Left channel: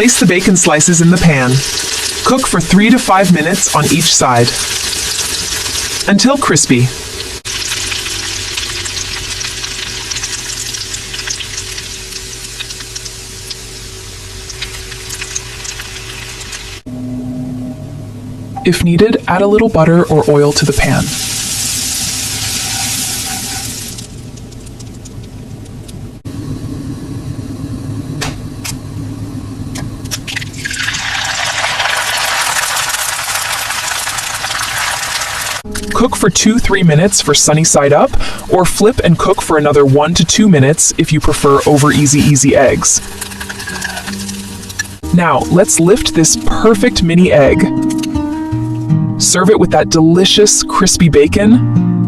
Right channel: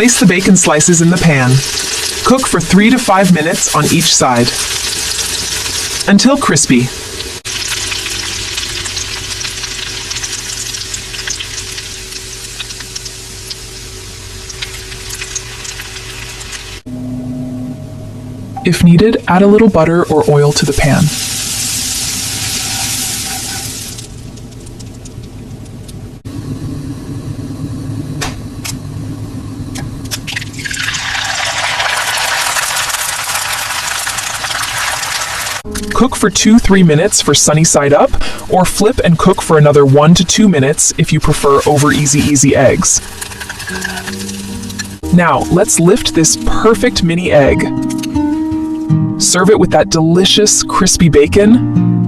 Place the bacon slices in the pan. Cook for 3 to 5 minutes on each side until crispy. If needed, add a little butter or oil to the pan. Cook for 2-3 minutes for sunny side up, or flip and cook for another 1 to 2 minutes if you prefer over easy eggs. Now, let's lift this perfect mini egg. Serve it with that delicious crispy bacon